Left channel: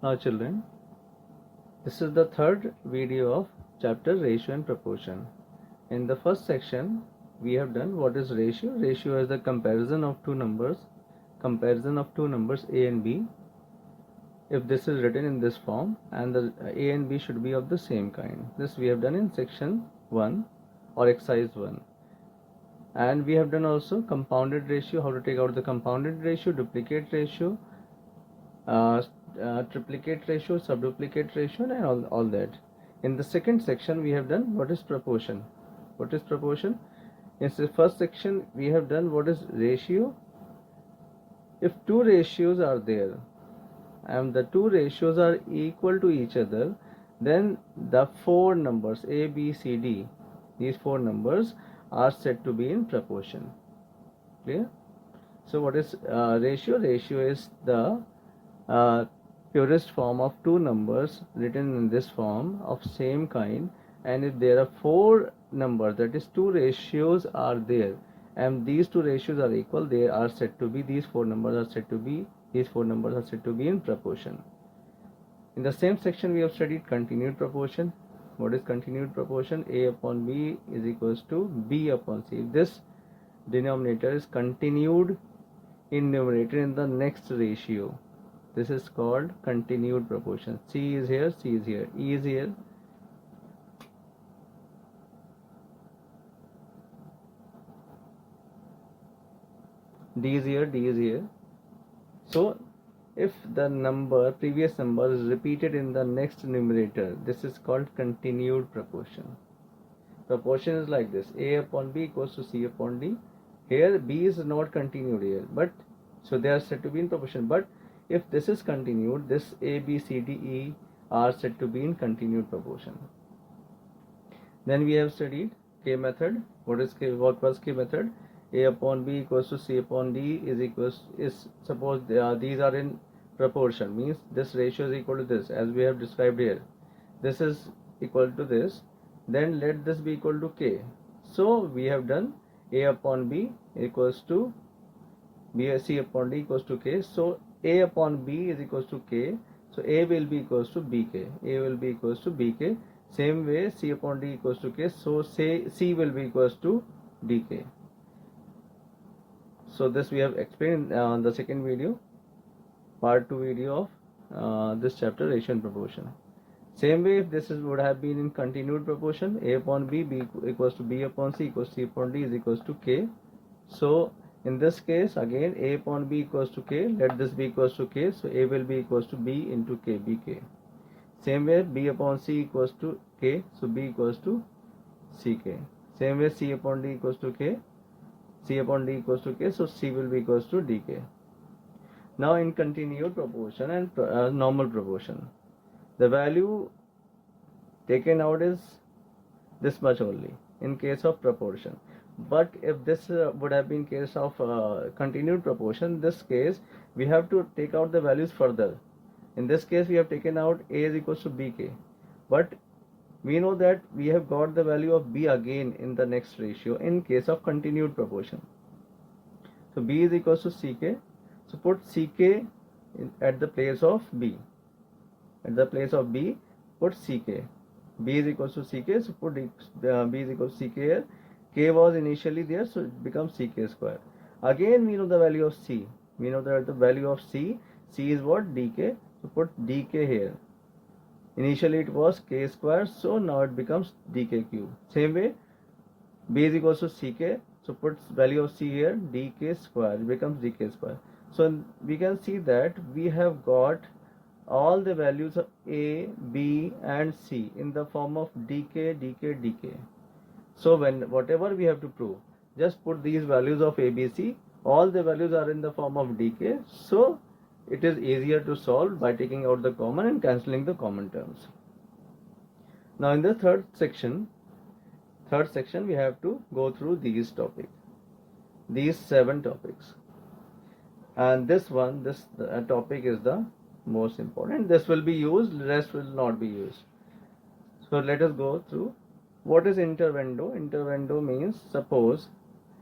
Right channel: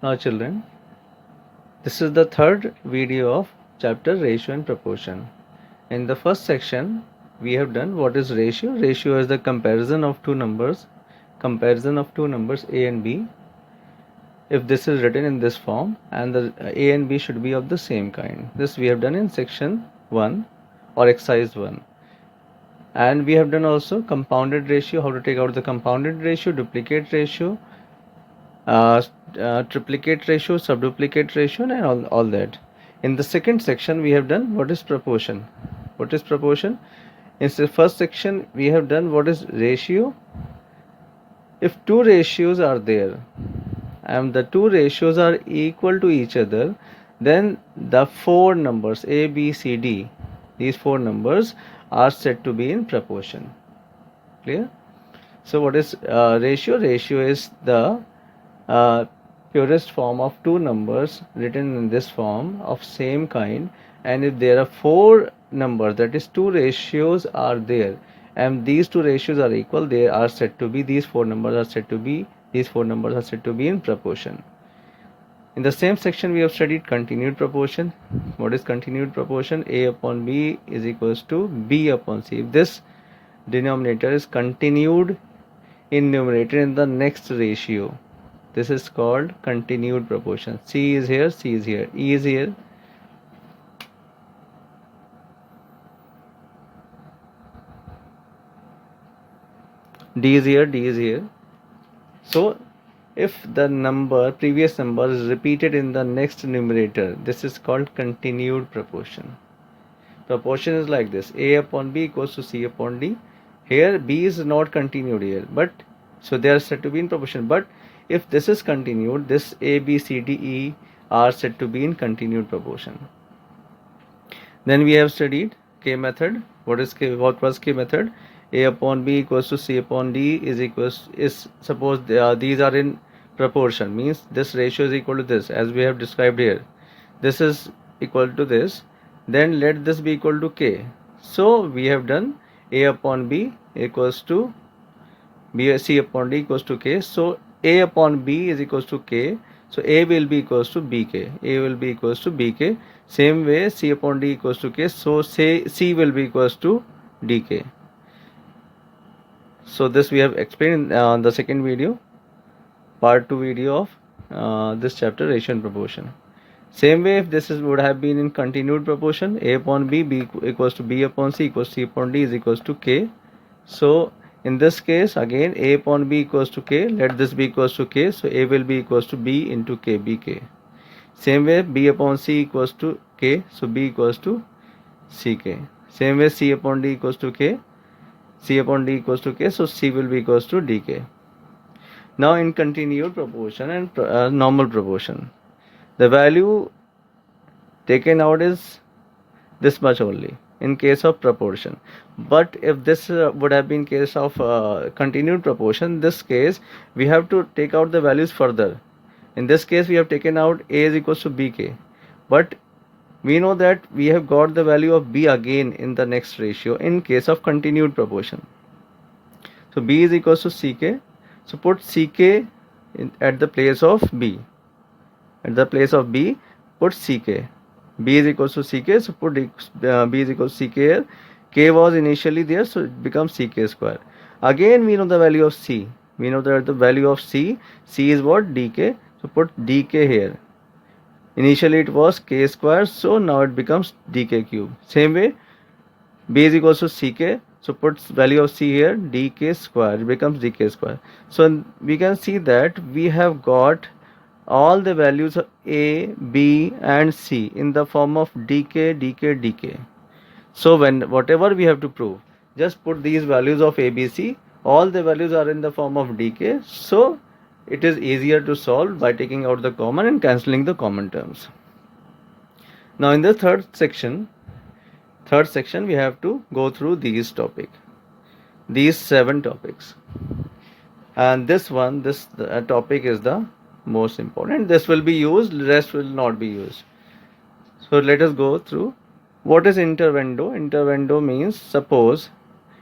Now children, this is the third video of chapter ratio and proportion. In the first section, we have done what is ratio. Ratio is the comparison of two numbers A and B. If this is written in this form and the A and B should be of the same kind. This we have done in section 1 or exercise 1. And we have done also compounded ratio, how to take out the compounded ratio, duplicate ratio, triplicate ratio, subduplicate ratio, and all that. In the second section, we have done what is proportion. What is proportion? In the first section, we have done what is ratio. If two ratios are there and the two ratios are equal to each other, then the four numbers A, B, C, D, these four numbers are said to be in proportion. Clear? So what is ratio? Ratio is the purest form of two numbers written in this form of same kind, and if there are four numbers, that is two ratios are there and these two ratios are equal, they are said to be, these four numbers are said to be in proportion. In the same section we have studied continued proportion. What is continued proportion? A upon B is equals to B upon C. If this denominator is continued in numerator in the next ratio, this is called continued proportion. C is here, C is here, E is here. D is here, D is here. So if the previous number is repeated in the next numerator, this is called continued proportion. Proportion is like this: A upon B equals to C upon D. Here B is not continued here, but so they are said to be in proportion. But if this is continued, this A, B, C, D, E are said to be in continued proportion. Then we have studied K method. What was K method? A upon B equals to C upon D is suppose these are in proportion, means this ratio is equal to this, as we have described here. This is equal to this. Then let this be equal to K. So we have done A upon B equals to C upon D equals to K. So A upon B is equals to K. So A will be equals to BK. A will be equals to BK. Same way C upon D equals to K. So say C will be equals to DK. So this we have explained in the second video, part 2 video of this chapter, ratio and proportion. Same way, if this would have been in continued proportion, A upon B, B equals to B upon C equals C upon D is equals to K. So in this case, again A upon B equals to K, let this be equals to K, so A will be equals to B into K, BK. Same way, B upon C equals to K, so B equals to CK. Same way, C upon D equals to K, C upon D equals to K, so C will be equals to DK. Now in continued proportion and normal proportion, the value taken out is this much only in case of proportion. But if this would have been case of continued proportion, this case we have to take out the values further. In this case we have taken out A is equals to BK, but we know that we have got the value of B again in the next ratio in case of continued proportion. So B is equals to CK. So put CK at the place of B. At the place of B, put CK. B is equals to CK, so put B is equals to CK here. K was initially there, so it becomes CK square. Again, we know the value of C. We know that the value of C is what? DK. So put DK here. Initially it was K square, so now it becomes DK cube. Same way, B is equals to CK. So put value of C here, DK square, it becomes DK square. So we can see that we have got all the values of A, B and C in the form of DK, DK, DK. So whatever we have to prove, just put these values of A, B, C, all the values are in the form of DK. So it is easier to solve by taking out the common and cancelling the common terms. Now in the third section we have to go through these 7 topics, and this topic is the most important. This will be used, rest will not be used. So let us go through. What is intervendo? Intervendo means, suppose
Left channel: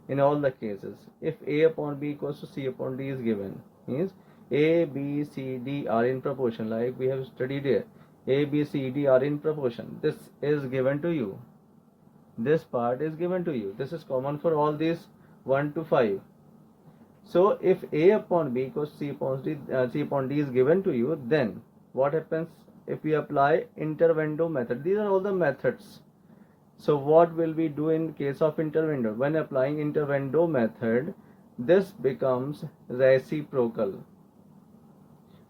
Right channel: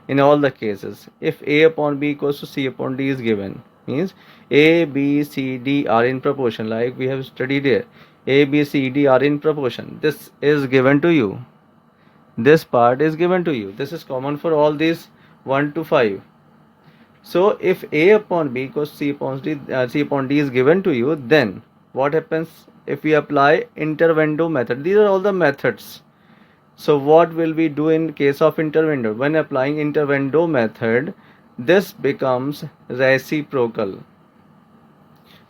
in all the cases, if A upon B equals to C upon D is given, means A, B, C, D are in proportion, like we have studied here. A, B, C, D are in proportion. This is given to you. This part is given to you. This is common for all these 1 to 5. So if A upon B equals C upon D is given to you, then what happens if we apply intervendo method? These are all the methods. So what will we do in case of intervendo? When applying intervendo method, this becomes reciprocal.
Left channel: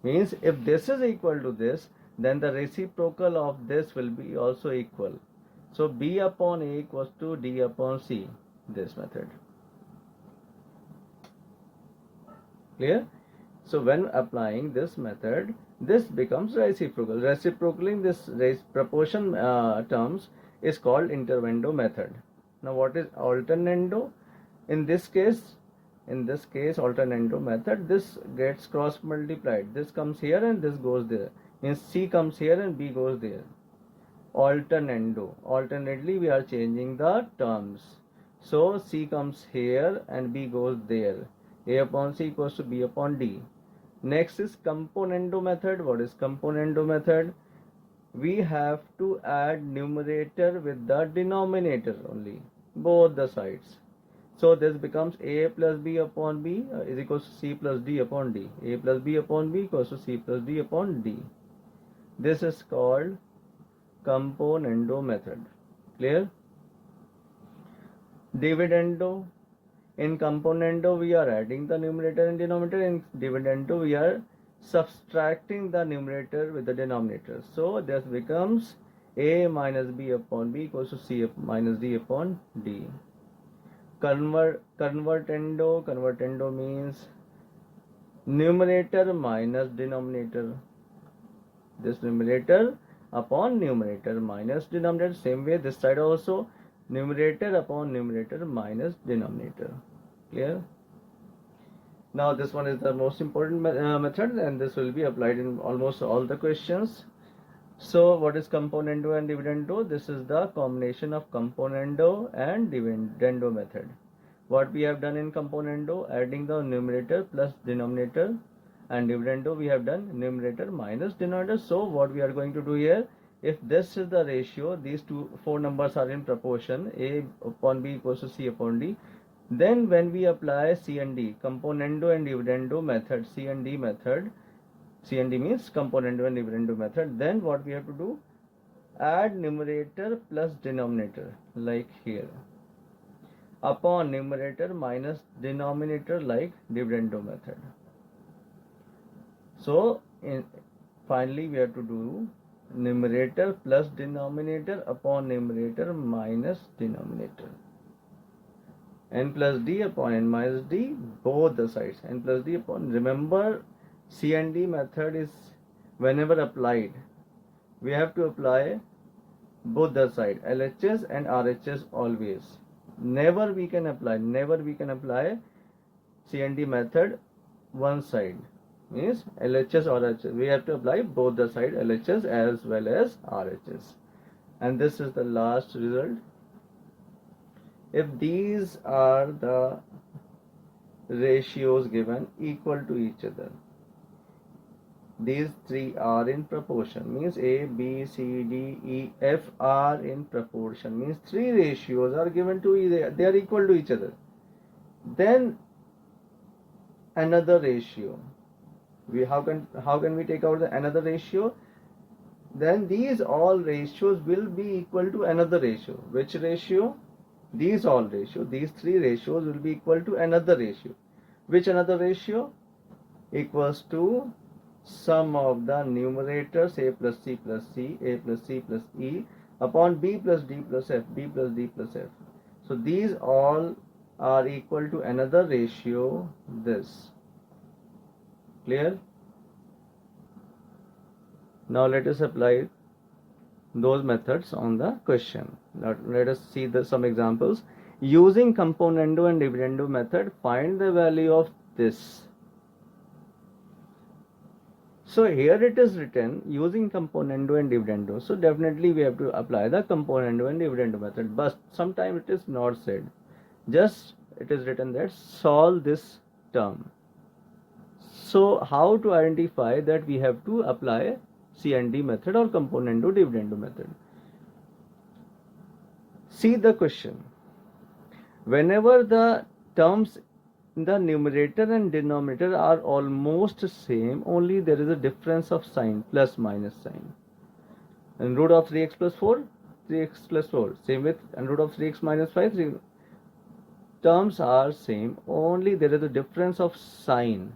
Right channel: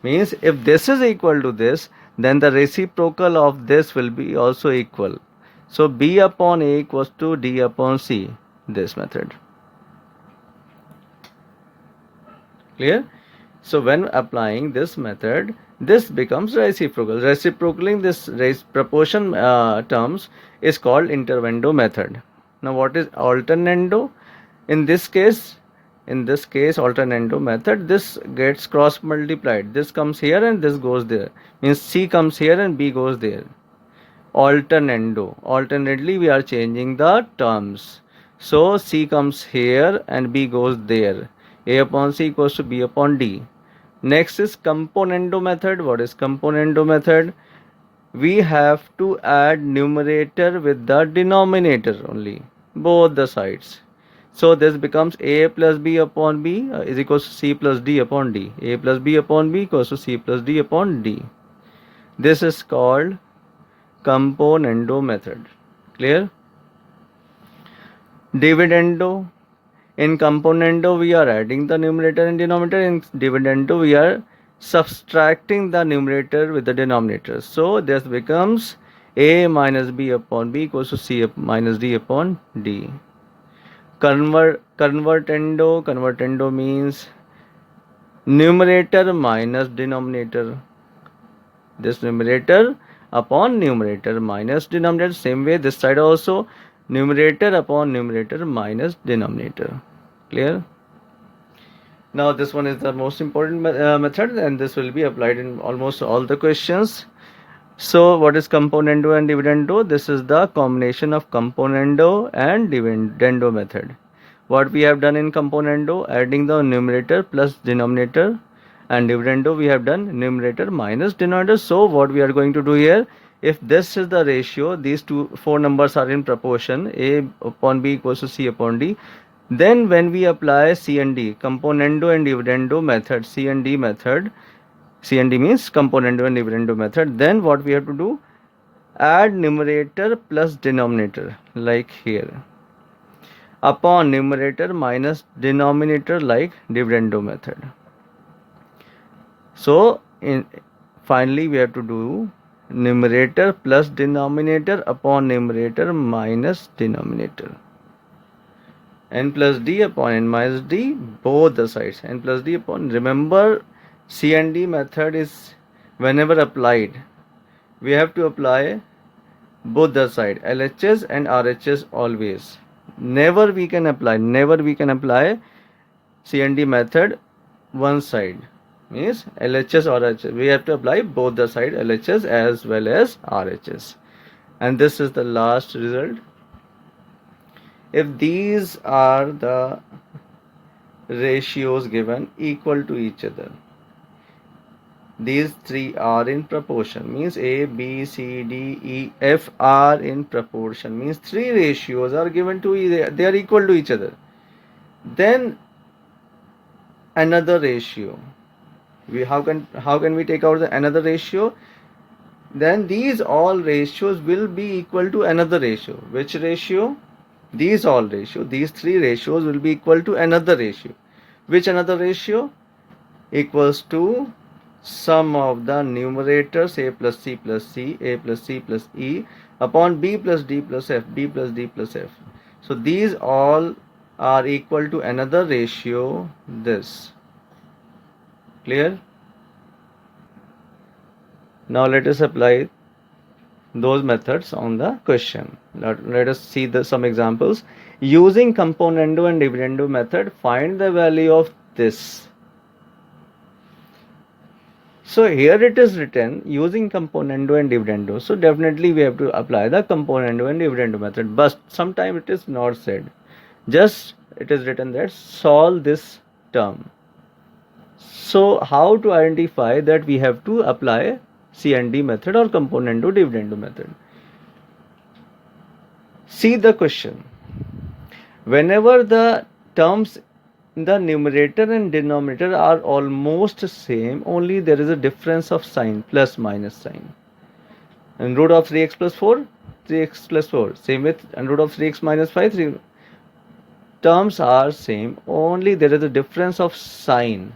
Means if this is equal to this, then the reciprocal of this will be also equal. So B upon A equals to D upon C, this method. Clear? So when applying this method, this becomes reciprocal. Reciprocaling this proportion terms is called intervendo method. Now what is alternando? In this case, alternando method, this gets cross multiplied. This comes here and this goes there. Means C comes here and B goes there. Alternando. Alternately, we are changing the terms. So C comes here and B goes there. A upon C equals to B upon D. Next is componendo method. What is componendo method? We have to add numerator with the denominator only, both the sides. So this becomes A plus B upon B is equals to C plus D upon D. A plus B upon B equals to C plus D upon D. This is called componendo method. Clear? Dividendo. In componendo, we are adding the numerator and denominator. In dividendo, we are subtracting the numerator with the denominator. So this becomes A minus B upon B equals to C minus D upon D. Convertendo means numerator minus denominator. This numerator upon numerator minus denominator. Same way this side also, numerator upon numerator minus denominator. Clear? Now this one is the most important method, and this will be applied in almost all the questions. So what is componendo and dividendo? This is the combination of componendo and dividendo method. What we have done in componendo, adding the numerator plus denominator, and dividendo we have done numerator minus denominator. So what we are going to do here, if this is the ratio, these four numbers are in proportion, A upon B equals to C upon D, then when we apply C and D, componendo and dividendo method, C and D method, C and D means componendo and dividendo method, then what we have to do, add numerator plus denominator, like here, upon numerator minus denominator, like dividendo method. So finally we have to do numerator plus denominator upon numerator minus denominator. N plus D upon N minus D, both the sides. N plus D upon, remember C and D method is whenever applied, we have to apply both the side, LHS and RHS always. Never we can apply C and D method one side. Means LHS or RHS. We have to apply both the side, LHS as well as RHS. And this is the last result. If these are the ratios given equal to each other, these three are in proportion, means A, B, C, D, E, F are in proportion, means three ratios are given to either, they are equal to each other. Then another ratio, how can we take out another ratio? Then these all ratios will be equal to another ratio. Which ratio? These three ratios will be equal to another ratio. Which another ratio? Equals to sum of the numerators A plus C plus C, A plus C plus E upon B plus D plus F, B plus D plus F. So these all are equal to another ratio, this. Clear? Now let us apply those methods on the question. Let us see some examples. Using componendo and dividendo method, find the value of this. So here it is written using componendo and dividendo. So definitely we have to apply the componendo and dividendo method. But sometimes it is not said. Just it is written that solve this term. So how to identify that we have to apply CND method or componendo dividendo method? See the question. Whenever the terms in the numerator and denominator are almost same, only there is a difference of sign, plus minus sign. And root of 3x plus 4, 3x plus 4. Same with and root of 3x minus 5, 3. Terms are same, only there is a difference of sign.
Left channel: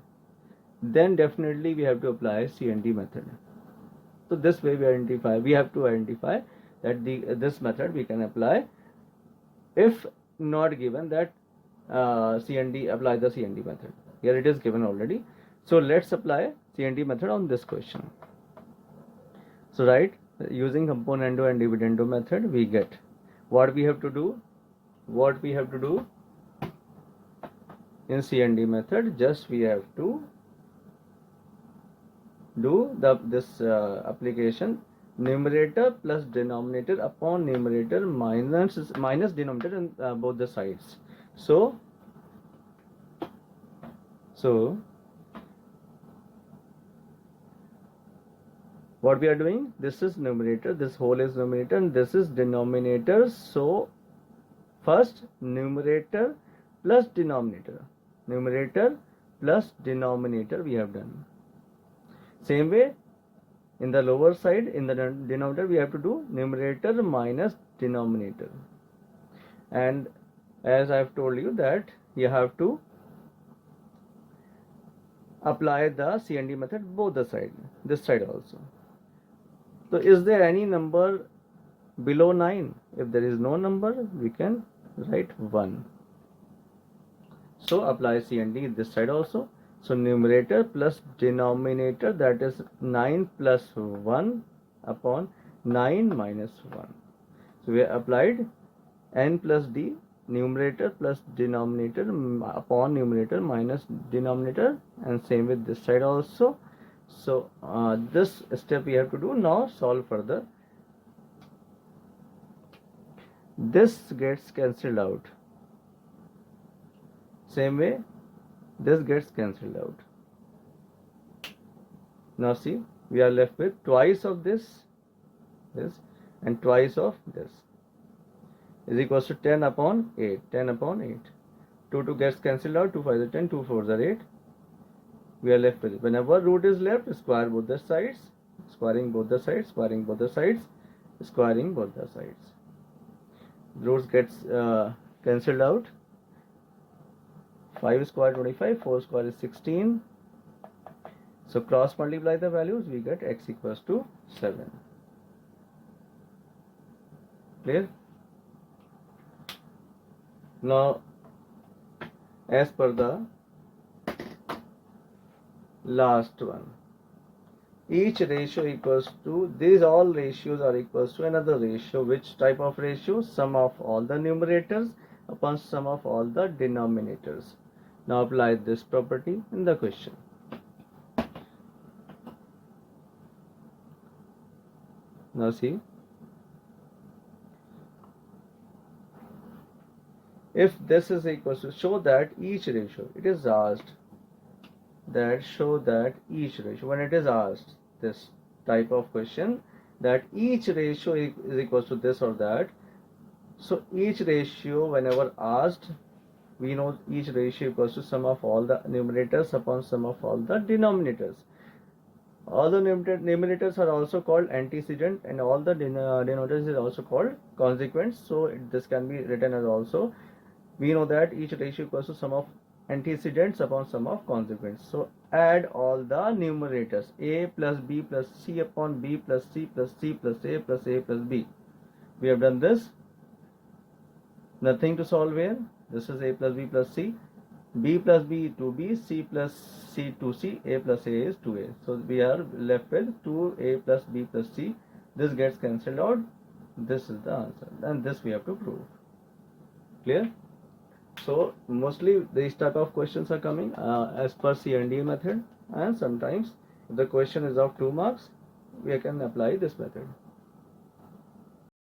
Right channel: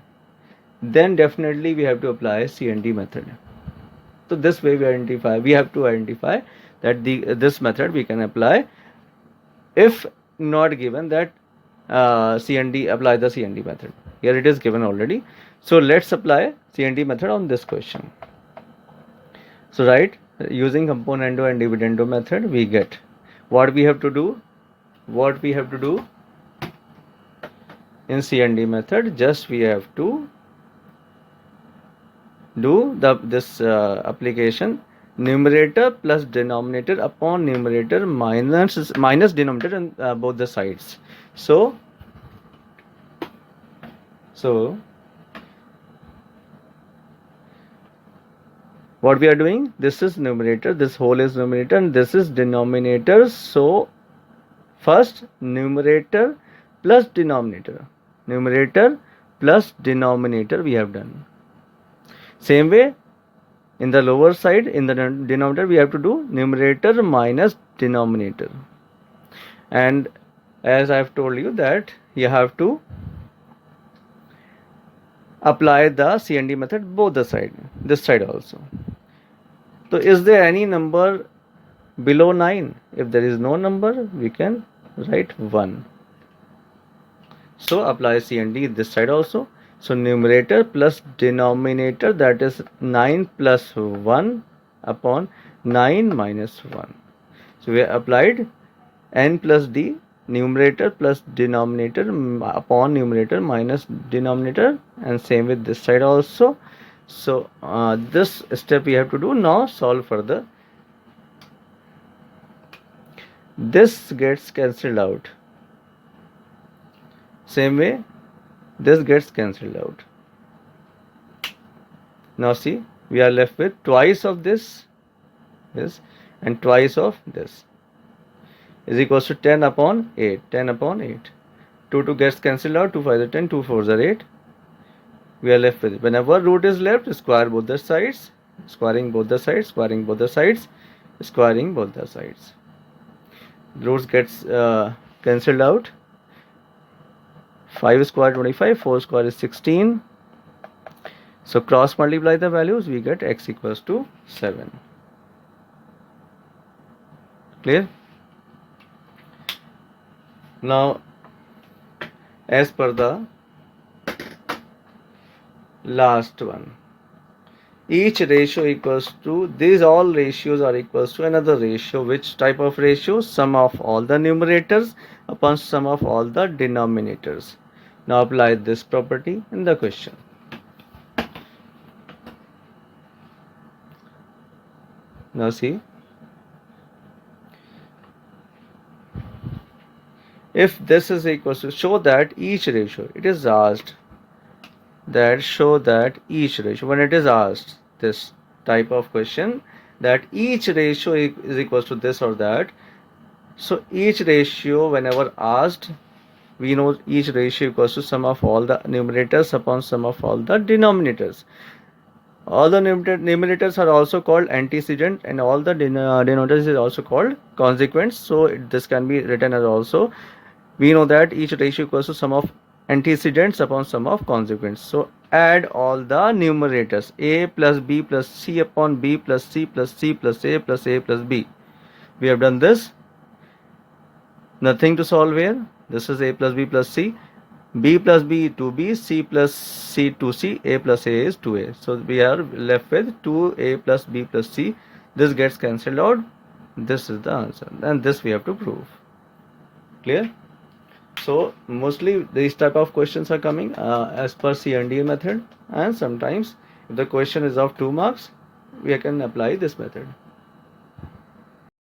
Then definitely we have to apply CND method. So this way we have to identify that this method we can apply if not given that apply the CND method. Here it is given already. So let's apply CND method on this question. So right, using componendo and dividendo method, we get what we have to do. What we have to do in CND method, just we have to do this application numerator plus denominator upon numerator minus denominator on both the sides. So what we are doing, this is numerator, this whole is numerator, and this is denominator. So first numerator plus denominator we have done. Same way in the lower side, in the denominator, we have to do numerator minus denominator. And as I have told you that you have to apply the CND method both the side, this side also. So is there any number below 9? If there is no number, we can write 1. So apply CND this side also. So numerator plus denominator, that is 9 plus 1 upon 9 minus 1. So we applied n plus d, numerator plus denominator upon numerator minus denominator, and same with this side also. So this step we have to do. Now solve further. This gets cancelled out. Same way this gets cancelled out. Now see, we are left with twice of this and twice of this is equals to 10 upon 8. 10 upon 8. 2 gets cancelled out. 2 5 are 10. 2 4 are 8. We are left with it. Whenever root is left, square both the sides. Squaring both the sides. Squaring both the sides. Squaring both the sides. Roots gets cancelled out. 5 square 25. 4 square is 16. So cross multiply the values. We get x equals to 7. Clear? Now, as per the last one, each ratio equals to, these all ratios are equals to another ratio. Which type of ratio? Sum of all the numerators upon sum of all the denominators. Now apply this property in the question. Now see, if this is equals to, show that each ratio, it is asked that show that each ratio, when it is asked this type of question, that each ratio is equals to this or that. So each ratio, whenever asked, we know each ratio equals to sum of all the numerators upon sum of all the denominators. All the numerators are also called antecedent, and all the denominators is also called consequent. So this can be written as also, we know that each ratio equals to sum of antecedents upon sum of consequents. So add all the numerators, a plus b plus c upon b plus c plus c plus a plus b. We have done this. Nothing to solve here. This is a plus b plus c. B plus b 2b, c plus c 2c, a plus a is 2a. So we are left with 2a plus b plus c. This gets cancelled out. This is the answer, and this we have to prove. Clear? So mostly these type of questions are coming as per CND method, and sometimes if the question is of 2 marks, we can apply this method.